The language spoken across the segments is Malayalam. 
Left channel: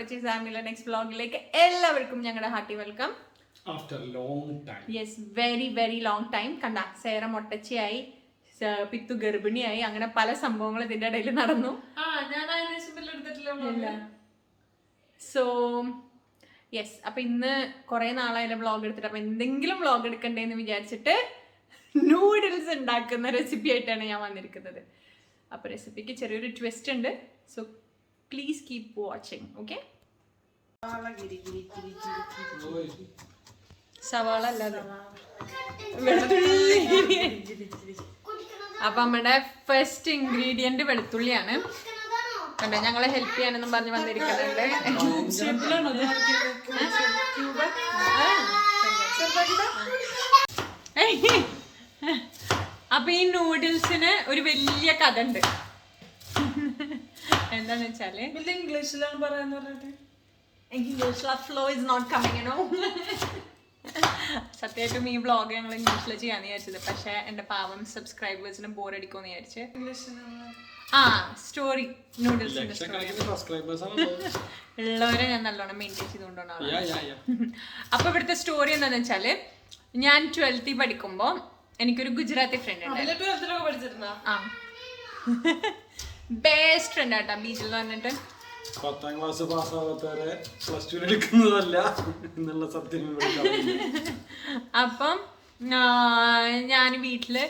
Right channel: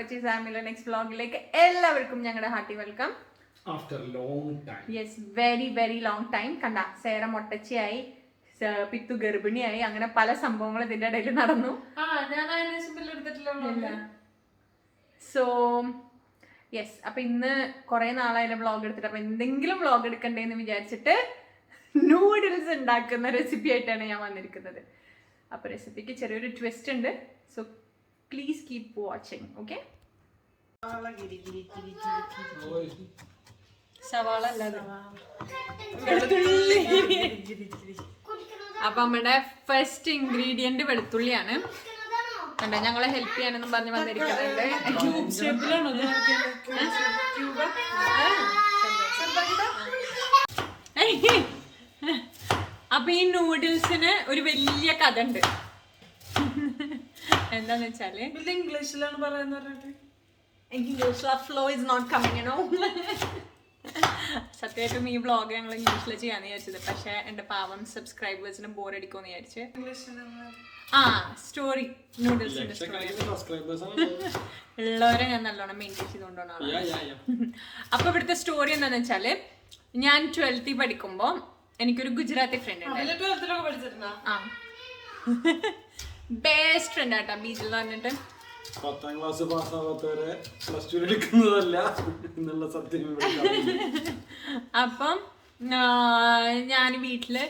Pappachees family next vlog-ലേക്ക് എല്ലാവർക്കും ഞങ്ങളുടെ hearty welcome. After long time. Yes, very long time. കണ്ട സേറ മൊട്ടച്ചിയായി, പിത്തു ഗർഭിണിയായി, അങ്ങനെ പല സംഭവങ്ങൾ ഇതിന്റെ ഇടയിൽ നടന്നു. സോ യെസ്, അപ്പൊ ഇന്ന് കുറെ നാളായാലും വ്ളോഗ് എടുത്തിട്ട് അപ്പൊ എന്തെങ്കിലും വ്ളോഗ് എടുക്കണ്ടേന്ന് വിചാരിച്ചിട്ട് നൂഡിൽസ് ഉണ്ടാക്കുന്ന റെസിപ്പി ആയിട്ടാണ് ഞാൻ വന്നിരിക്കുന്നത്. അപ്പൊ റെസിപ്പിക്ക് ചെറിയൊരു ട്വിസ്റ്റ് ഉണ്ട്. So please keep watching. Okay, സവാള അപ്പൊ നമ്മുടെ ഫസ്റ്റ് ഇൻഗ്രീഡിയന്റ് വെളുത്തുള്ളിയാണ്. കണ്ടോ, ഞങ്ങളെ ഹെൽപ്പ് ചെയ്യാനെന്നും പറഞ്ഞ് വന്നിരിക്കുന്നുണ്ട്. അപ്പൊ ഈ നൂഡിൽസിന് ഒരു വലിയ കഥ ഉണ്ട്. എന്താന്ന് വെച്ചാല് ഇംഗ്ലീഷിലാണ് പറയുന്നത്. Flow is not coming, you know. സത്യമായിട്ടും ഈ വ്ളോഗ് ഞങ്ങൾ ഇംഗ്ലീഷിൽ ചെയ്യാന്ന് വിചാരിച്ചത്, പക്ഷെ എന്റെ പാവം സബ്സ്ക്രൈബേഴ്സിന് ബോർ അടിക്കുമെന്ന് വിചാരിച്ച് സ്റ്റോറി നൂഡിൽസിന്റെ സ്റ്റോറി ഉള്ളവരെ ഞാൻ നല്ലോണം മെയിൻറ്റെയിൻ ചെയ്തുകൊണ്ടാണ്. അപ്പൊ ഇവിടുത്തെ സ്റ്റോറി എന്താന്ന് വെച്ചാല്, ഞാൻ 12th പഠിക്കുമ്പോ എനിക്കൊരു ഗുജറാത്തി ഫ്രണ്ട് ഉണ്ട്. ആ, ബെസ്റ്റ് ഫ്രണ്ട് ആട്ടാ, ബീച്ചിൽ എന്ന് പറഞ്ഞിട്ട്. 10th ക്ലാസ് പാസ്സാവാത്തവരെ പ്ലസ് ടു എടുക്കുന്നതല്ല എന്നുള്ള സത്യം. അപ്പം ഞാൻ വീട്ടില്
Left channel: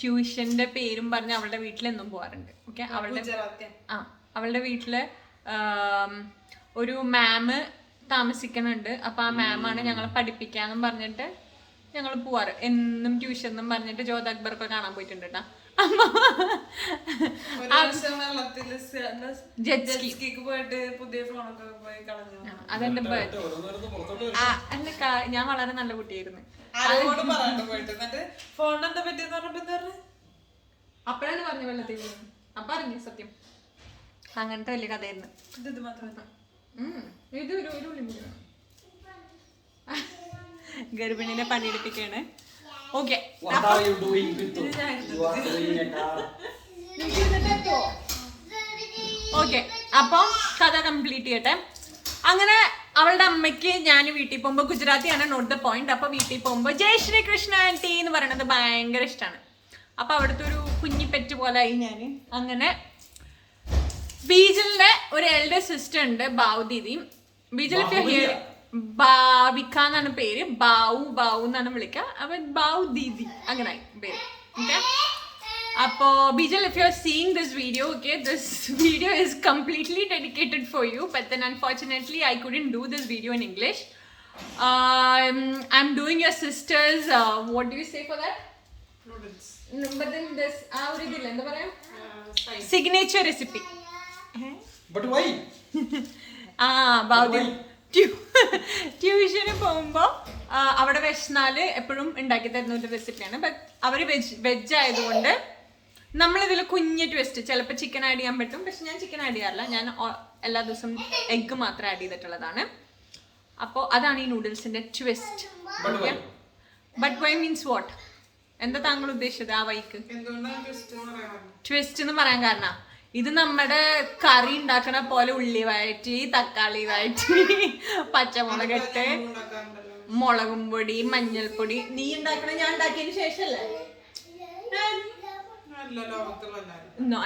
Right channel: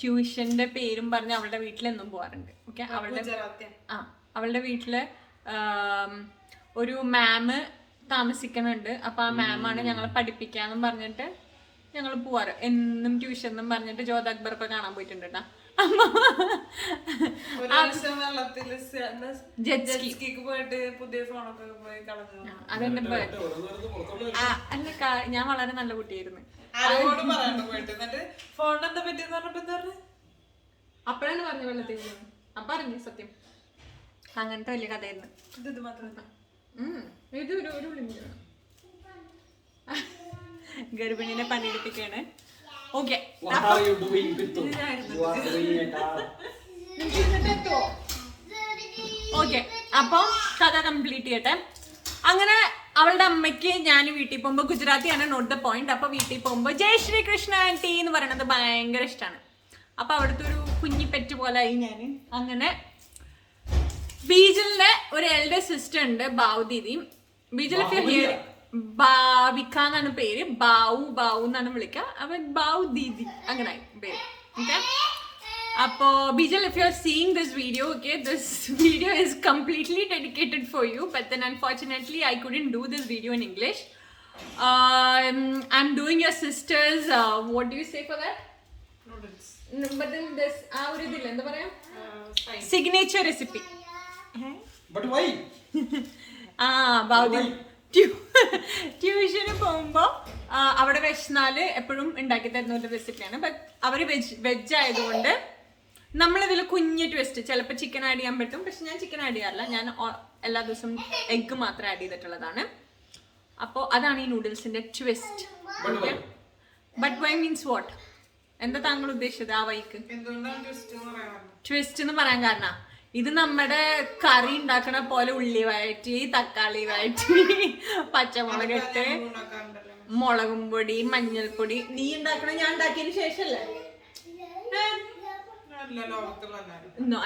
ട്യൂഷന്റെ പേരും പറഞ്ഞ് അവളുടെ വീട്ടിലെന്നും പോവാറുണ്ട്. ഓക്കെ, അവളുടെ വീട്ടില് ഒരു മാമ് താമസിക്കുന്നുണ്ട്. അപ്പൊ ആ മാമാണ് ഞങ്ങളെ പഠിപ്പിക്കാന്നും പറഞ്ഞിട്ട് ഞങ്ങൾ പോവാറ്. എന്നും ട്യൂഷൻ എന്നും പറഞ്ഞിട്ട് ജോത് അക്ബറൊക്കെ കാണാൻ പോയിട്ടുണ്ട് കേട്ടാ. അതെന്റെ അല്ല, ഞാൻ വളരെ നല്ല കുട്ടിയായിരുന്നു. അപ്പഴാണ് പറഞ്ഞു വെള്ളത്തിൽ അപ്പൊ അറിഞ്ഞു സത്യം. അങ്ങനത്തെ വലിയ കഥയായിരുന്നു. ഇത് ഒരു ഗർഭിണിനെ പണിയെടുപ്പിക്കാണ്. ഓക്കെ, ഓക്കെ, അപ്പം കഥ കംപ്ലീറ്റ് ചെയ്യട്ടെ. അങ്ങനെ അവളുടെ അമ്മയ്ക്ക് ഞാൻ വീട്ടിൽ പോകുമ്പോ, ഗുജറാത്തിയാണ് നോട്ട് ദ പോയിന്റ്, അപ്പൊ വീട്ടിൽ പോകുമ്പോ ജയ് ശ്രീ കൃഷ്ണ ആന്റി എന്ന് പറയണത് ഭയങ്കര ഇഷ്ടമാണ്. അപ്പൊ അവിടുത്തെ ഒരു കുഞ്ഞി പെറ്റ് പോലെ ആയി ഞാൻ. അങ്ങനെ ബീജിലിന്റെ ഒരു എൽഡർ സിസ്റ്റർ ഉണ്ട്, ബാവു ദീദി. ബീജിൽ ഭാവിക എന്നാണ് പേര്, ബാവു എന്നാണ് വിളിക്കുക. അപ്പൊ ബാവു ദീദി അങ്ങനെ പേര്. ഓക്കെ, അപ്പോ ബീജൽ, if you are seeing this video, okay, this video is completely dedicated for you, but then unfortunately I couldn't do this video in English. I'm doing your sister's what do you say for that? Noodles. But then this ഒരു ഇതില്ല, എന്താ പറയാ, signature recipe. But why? Bavu ട്യൂഷന് പോകുമ്പോ അവിടെ വിശന്നാല് എപ്പോഴും ഉണ്ടാക്കി തരുന്ന ഒരു റെസിപ്പിയാണ്. ബട്ട് അവര് വെജ് ആയതുകൊണ്ട് നമ്മളിതിൽ കുഞ്ഞ് ട്വിസ്റ്റ്, ചിലപ്പോൾ ചിക്കൻ ആഡ് ചെയ്യാൻ പറ്റും, പക്ഷെ ഞാൻ ചിക്കൻ ആഡ് ചെയ്യാറില്ല. ഞാൻ എല്ലാ ദിവസവും എഗ്ഗ് മാത്രം ആഡ് ചെയ്തിട്ടുള്ളതാണ്. അപ്പോൾ അതാണ് ഈ നൂഡിൽസിന്റെ twist. Okay, but why means what? എന്താ താങ്കൾ ഉദ്ദേശിച്ചത് ആ വൈക്ക്? ട്വിസ്റ്റ് എന്ന് പറയാൻ കാരണം, ഇത് നമ്മുടെ കറി ഉണ്ടാക്കണ പോലെ ഉള്ളി വഴറ്റി, തക്കാളി വഴറ്റി, പച്ചമുളകിട്ട്, മുളകും പൊടി, മഞ്ഞൾപ്പൊടി. നീ ഉണ്ടാക്കണ ഞാൻ ഉണ്ടാക്കിയതിന് ശേഷല്ലേ?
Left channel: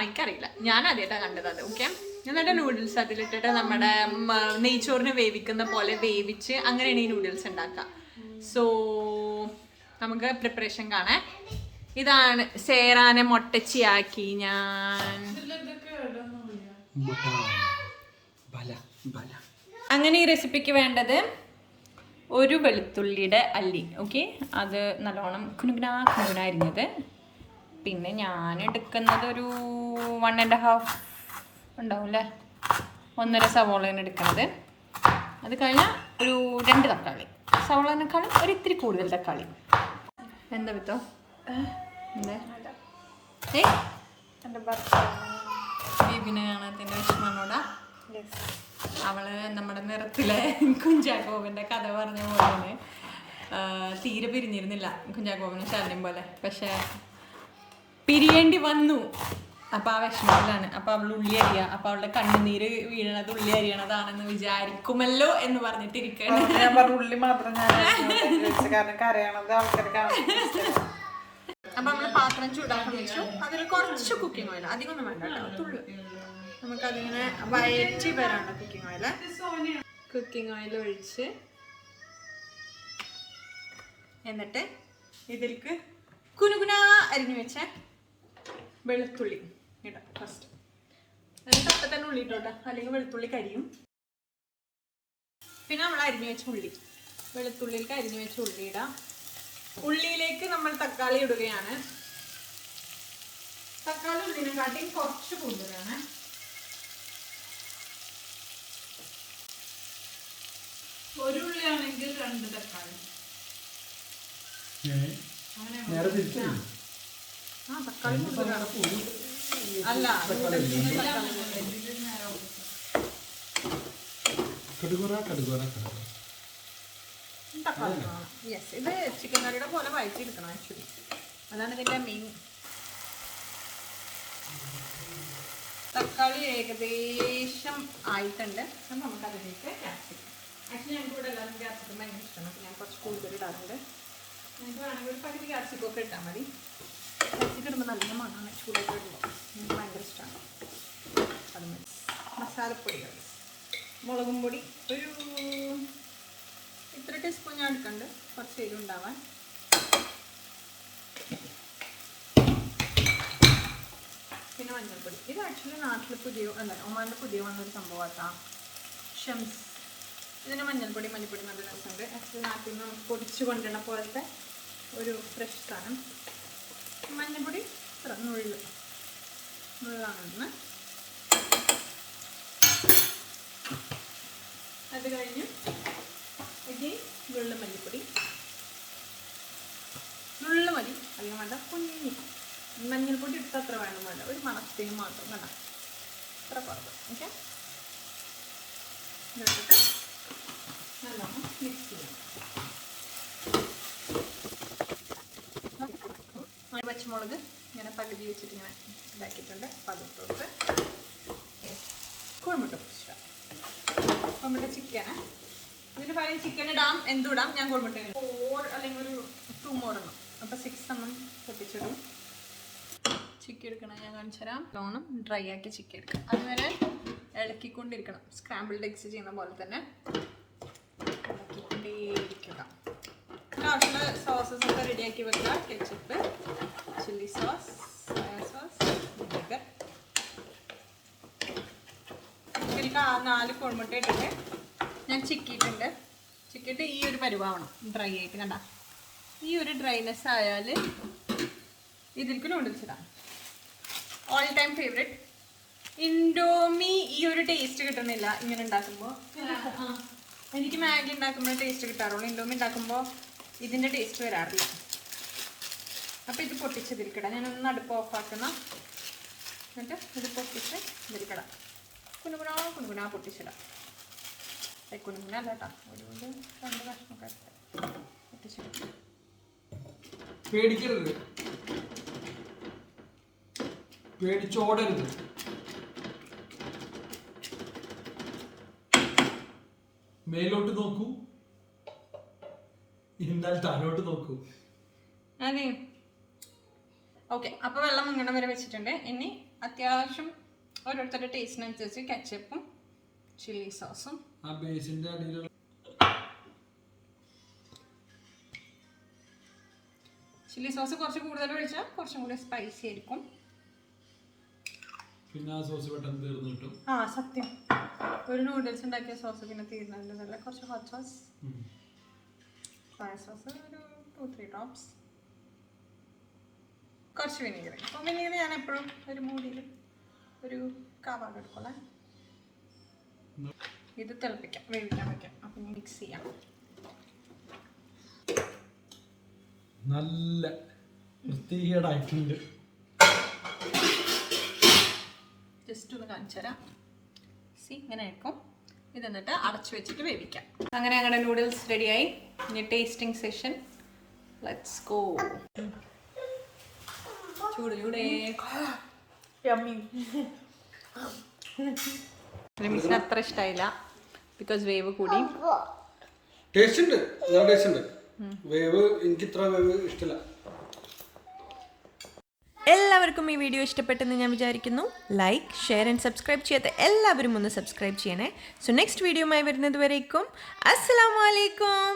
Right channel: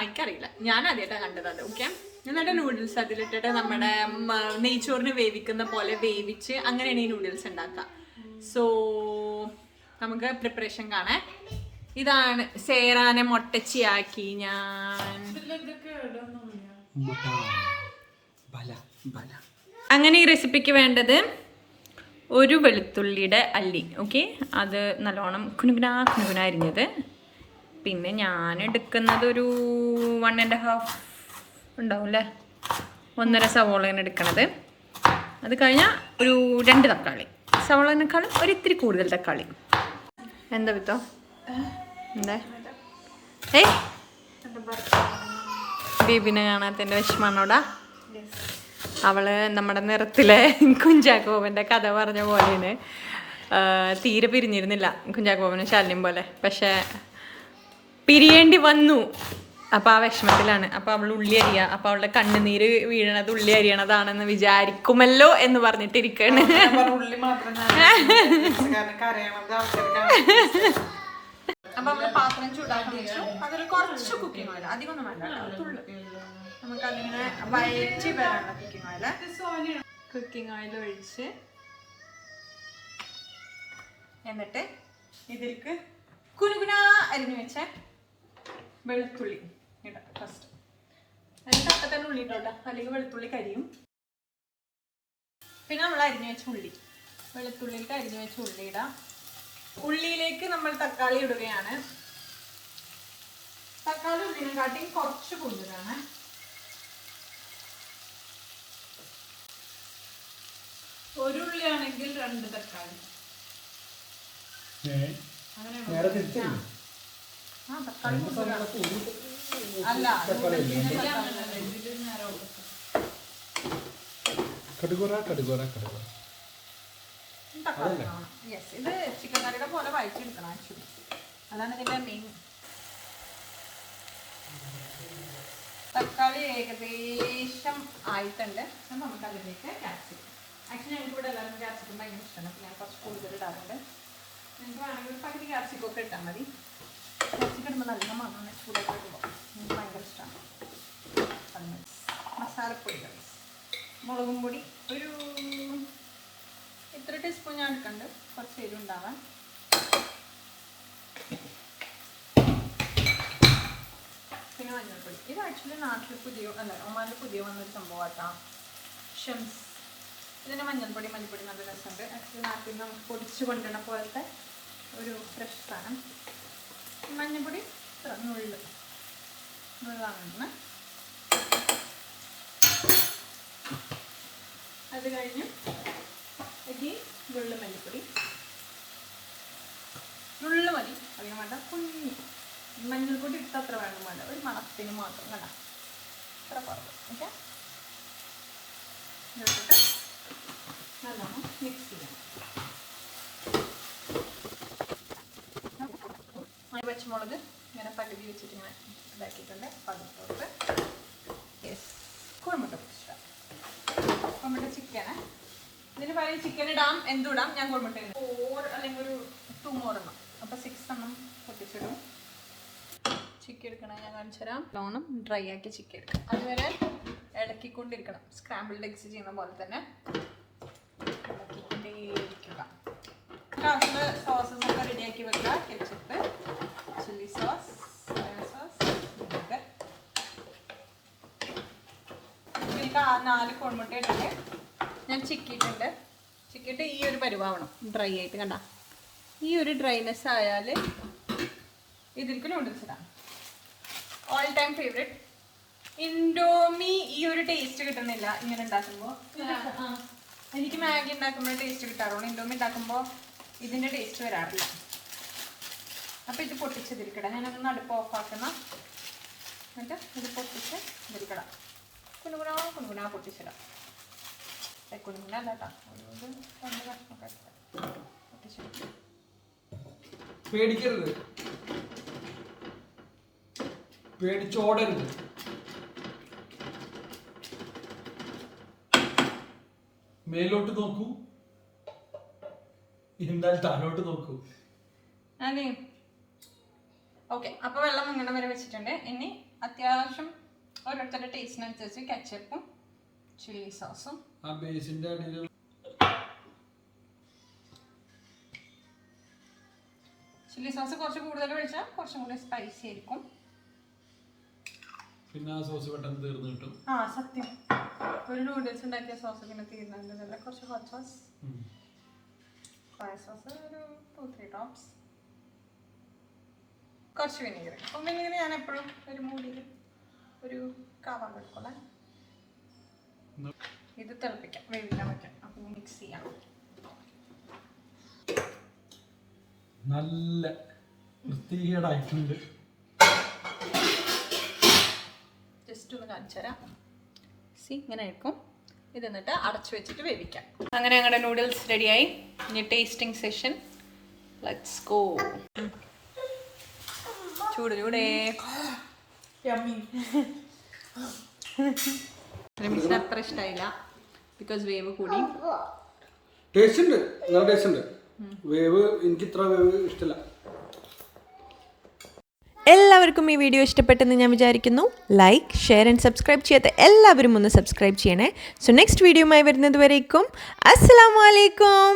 എനിക്കറിയില്ല, ഞാൻ ആദ്യമായിട്ടാണ് കണ്ടത് അത്. ഓക്കെ, എന്നിട്ട് നൂഡിൽസ് അതിലിട്ടിട്ട് നമ്മുടെ നെയ്ച്ചോറിന് വേവിക്കുന്ന പോലെ വേവിച്ച് അങ്ങനെയാണ് ഈ നൂഡിൽസ് ഉണ്ടാക്കുക. സോ നമുക്ക് പ്രിപ്പറേഷൻ കാണാം. ഇതാണ് സേറാനെ മൊട്ടച്ചിയാക്കി ഞാൻ. അങ്ങനെ ഈ റെസിപ്പിക്ക് വേണ്ടത് ഒരു വെളുത്തുള്ളിയുടെ അല്ലി. ഓക്കെ, അത് നല്ലോണം കുനുകുന അരിഞ്ഞത്. പിന്നെ ഞാൻ എടുക്കുന്നത് ഒരു 1.5 ഉണ്ടാവും അല്ലേ, 1.5 സവോളയാണ് എടുക്കണത്. അത് കഴിഞ്ഞാൽ ഒരു 2 തക്കാളി, സവോളനേക്കാളും ഒരു ഇത്തിരി കൂടുതൽ തക്കാളി. എന്താ വിത്തോ എന്താ ബേബിനെ കാണാത്തതിൻ്റെ വിഷമാണോടാ? അവള് നമ്മുടെ നിറത്തിലെ കുഞ്ചാക്കോവൻ്റെ കഥ പറഞ്ഞ പോലെയാണ്. തീരെ പിരിഞ്ഞിരുന്നില്ല കുഞ്ചാക്കോവന് ശല്യം പോലെ, പക്ഷെ പിരിയേണ്ടി വന്നു. അപ്പൊ ആ വിഷമത്തിലാണ്. അപ്പൊ അവൾ ഉള്ളി അരിയാ. അപ്പൊ അവളുടെ കണ്ണുനീര് വീഴണത് ഉള്ളി അരിയണതാണെന്ന് വിചാരിക്കുമല്ലോ എന്ന് പറഞ്ഞിട്ടിരിക്കാണ്. ഉള്ളി മാത്രം ഞാൻ കാരണം കരയണത് ആൾക്കാർക്ക് അപ്പൊ നമ്മള് പാത്രം ചൂടാക്കാൻ വെച്ചു. അതിൽ കുറച്ച് കുക്കിംഗ് ഓയിൽ, അധികമൊന്നും വേണ്ട കേട്ടോ, തുള്ളു. നമുക്കതിങ്ങനെ വയറ്റി വരാനുള്ള കുക്കിംഗ് ഓയിൽ ഒഴിച്ച് എന്നിട്ട് ഇതിലേക്ക് കുനുകുനാ അരിഞ്ഞു വെച്ച വെളുത്തുള്ളി ഇടാം ഫസ്റ്റ്. എന്നിട്ട് അപ്പം തന്നെ ഉള്ളി ഇട്ടോട്ടെ, അല്ലെങ്കിൽ വെളുത്തുള്ളി കരിയും. പിന്നെ നമ്മൾ അരിഞ്ഞു വെച്ച ഉള്ളി, വെളുത്തുള്ളിയിലേക്ക് അരിഞ്ഞു വെച്ച ഉള്ളി ഇടാം. ഉള്ളിയിലേക്ക് നമ്മൾ തക്കാളി ഇടുകയാണ്. തക്കാളി ഉള്ളിനെക്കാട്ടി കുറച്ച് കൂടുതലാണ്. ഒരു ഉള്ളിയാണെങ്കിൽ 2 തക്കാളി. ആ തക്കാളി കൂടുതലാണ്. അല്ല തക്കാളി വേണം. യെസ്, ഇത് ചിക്കൻ കറിയുടെ പോലെ വഴറ്റി എടുക്കണം ആക്ച്വലി. അതാണ് ഇതിൻ്റെ മെയിൻ. തക്കാളി ഏകദേശം ആയിട്ടുണ്ട്. അപ്പം നമുക്ക് അതിലേക്ക് ക്യാപ്സിക്കം. ആക്ച്വലി ഞങ്ങൾക്ക് ഇവിടെ എല്ലാവർക്കും ക്യാപ്സിക്കം ഭയങ്കര ഇഷ്ടമാണ്. അപ്പം ഞാൻ കുറച്ച് കൂടുതൽ ഇടാറുണ്ട്. നിങ്ങൾക്ക് വേണമെങ്കിൽ ഒരു പകുതി ക്യാപ്സിക്കം ഒക്കെ ഇട്ടാൽ മതി. ക്യാപ്സിക്കം ഇടുമ്പോൾ നല്ല മണമാണ് ചൂടായിട്ട് ഇടുമ്പോൾ. എനിക്ക് ഭയങ്കര ഇഷ്ടമാണ്. അത് മതി. മസാലപ്പൊടികൾ, മുളകും പൊടി ഒരു ഇത്ര ടീസ്പൂൺ ഞാൻ എടുക്കുന്നുണ്ട്, കുറച്ച് എരിവുണ്ടാവാൻ. പിന്നെ മഞ്ഞൾപ്പൊടി. ഇത് ആക്ച്വലി നാട്ടിൽ പുതിയ ഒമാനിൽ പുതിയ വന്നൊരു സംഭവമാട്ടാ, ഷംസ്. ഇതിന് മഞ്ഞൾപ്പൊടി മല്ലിപ്പൊടി നല്ല രസമുണ്ട്. ആക്ച്വലി നാട്ടിൽ നിന്ന് നമുക്ക് പൊടിച്ച് കൊണ്ടുവരണ പോലത്തെ ഒരു ഫ്രഷ് സാധനം. മഞ്ഞൾപ്പൊടി ഇത്ര നുള്ളാണ്. അത് കഴിഞ്ഞു വെള്ള മല്ലിപ്പൊടി നുള്ള മതി, അധികം വേണ്ട. കുഞ്ഞി മഞ്ഞൾപ്പൊടി ഇട്ട് അത്ര വേണം വേണ്ട, ഒരു മണത്തിന് മാത്രം വേണ്ട, അത്ര കുറവ്. ഓക്കെ, ഇതിട്ടിട്ട് നല്ലോണം മിക്സ് ചെയ്യണം. പച്ചമുളക് ഇങ്ങനെ പകുതി വെച്ചിട്ട് ഇങ്ങനെ ഇതാക്കിയിട്ടുണ്ട്. അപ്പം അതിട്ടോട്ട് കുഴമ്പട്ട പൊടിച്ചിടാം. കുഴമ്പട്ട ചിക്കന് ഇതിന് പകരം ചിക്കൻ ഇടാം, എന്തുടാം. ഞാൻ കുഴമ്പട്ട 4 അല്ലെങ്കിൽ ഒരു 2 more എണ്ണം, അപ്പം 6 എണ്ണം പൊട്ടിച്ചിടും. ചിക്കൻ എടുക്കണം, ഞാൻ കാണിച്ചു തരാം. ലോണം ഡ്രൈ ആക്കി ചിക്കൻ എടുക്കണം. അതുവരെ ഇളക്കിക്കൊണ്ടിരിക്കണം. സ്ക്രാമ്പിൾഡ് എഗ്സ് ചെയ്യുന്ന പോലെ തന്നെ ഇളക്കിക്കൊണ്ടേയിരിക്കുക. ആവശ്യമുള്ള സോസസ് ഒക്കെ റെഡിയാക്കി വെക്കുക. Ketchup, chilli sauce, soya sauce, vinegar. ഇതിലേക്ക് 4 കോഴിമുട്ട ഇട്ടിട്ട് ഞാൻ ചിക്കിയിട്ടുണ്ട്. ചിക്കിയിട്ട് ഈ ഒരു പരിവാവണം, ഡ്രൈ ആയിട്ട്. കണ്ട ഈ ഒരു ഡ്രൈനെസ് ആയാൽ ഇതിലേക്ക് നൂഡിൽസ് ഇടാം. All time favourite. ഇൻഡോമി ഈ ഒരു ടേസ്റ്റ് കിട്ടുന്നില്ല ഇങ്ങനെ ഉണ്ടാക്കുമ്പോൾ. എനിക്ക് മാഗി ഉണ്ടാക്കുമ്പോൾ ടേസ്റ്റ് കിട്ടാറുള്ളൂ. ഇൻഡോമി ഉണ്ടാക്കുമ്പോൾ ഇതിൻ്റെ ടേസ്റ്റ് വരാറില്ല. അപ്പോൾ ഇത് പൊട്ടിച്ചതിരിക്കട. ഞാനൊന്ന് അടുപ്പ് ഓഫാക്കുന്ന, എന്നിട്ട് ഇത് പൊട്ടിച്ച് ഇതിരിക്കട. കുനുകുനാ പൊട്ടിച്ചിടാം. കുനുകുന അല്ല കേട്ടോ, ഒരു 2 കഷ്ണമൊക്കെ പൊട്ടിച്ചിടും. പേടിക്കരുത്, പേടിച്ചോടരുത്. മേലോട്ട് നോക്കൂ, ഇരുന്നാൽ താഴോട്ട് നോക്കൂ. അതെ, ഓക്കെ. അപ്പോൾ വെള്ളം ഇങ്ങനെ വരെ വെച്ചിട്ടുണ്ട്. ഇനി അത്യാവശ്യം ഓരോരുത്തരുടെ ടേസ്റ്റിനനുസരിച്ച് കെച്ചപ്പും ചില്ലി സോസും. ആ ബേസിന്റെ അടിയിൽ ചില്ലി സോസ് കുറച്ച് കൂടുതൽ ഒഴിച്ചാൽ കുറച്ചും കൂടി സ്പൈസി ആയിരിക്കും. പിന്നെ ആ സോസ് പെട്ടെന്ന് തീർന്നു കിട്ടും. ആ സത്യം, ഒരു നൂഡിൽസ് ഉണ്ടാക്കിയ സോസ് പിന്നെ തീർന്നതല്ല. കുറച്ച് ഹോട്ട് സോസ്, സോയ സോസ് ഒരു 2-3 ഡ്രോപ്സ്, കുറച്ച് വിനീഗർ. അപ്പം വിനീഗർ ഞാൻ എപ്പോഴും ഒരു മൂടിയിൽ ഒരു കാവാട് എടുക്കോളെ. ഇത് തിളപ്പിക്കാം, വേവിക്കാൻ വയ്ക്കാം. അപ്പം മിക്സ് ചെയ്യാം. നല്ല വൃത്തികേടായിട്ടുണ്ട്. ജസ്റ്റ് ഒന്ന് കാണിച്ചു തരാം. ഇങ്ങനെ ആയിരിക്കും. ഇത് എന്നിട്ട് അടച്ചു വെച്ചിട്ട് വേവിക്കാം. അങ്ങനെ ഞങ്ങളുടെ നൂഡിൽസ് റെഡിയായി. ഇനി ടേസ്റ്റിംഗ് സെഷൻ. Let's go. ചൂട് ചൂടേ. യമ്മി. റിമിക്സിന് അത്ര ഇഷ്ടമായില്ല ബിക്കോസ് വേവ് കൂടി. ടേസ്റ്റ് ഉണ്ട്, നല്ല ടേസ്റ്റ് ഉണ്ട്. വേവ് എനിക്ക് ഇത്ര വേവ് ഇഷ്ടമില്ല. എല്ലാവർക്കും ഈ വീഡിയോ ഇഷ്ടപ്പെട്ടെന്ന് ഞാൻ വിചാരിക്കുന്നു. ലൈക്ക്, ഷെയർ ആൻഡ് സബ്സ്ക്രൈബ് ചെയ്യാത്ത എല്ലാവരും ഒന്ന് സബ്സ്ക്രൈബ് ചെയ്യണേ. സോ നെക്സ്റ്റ് വീഡിയോയുമായി വരുന്നത് വരേക്കും അസ്സലാമു അലൈക്കും.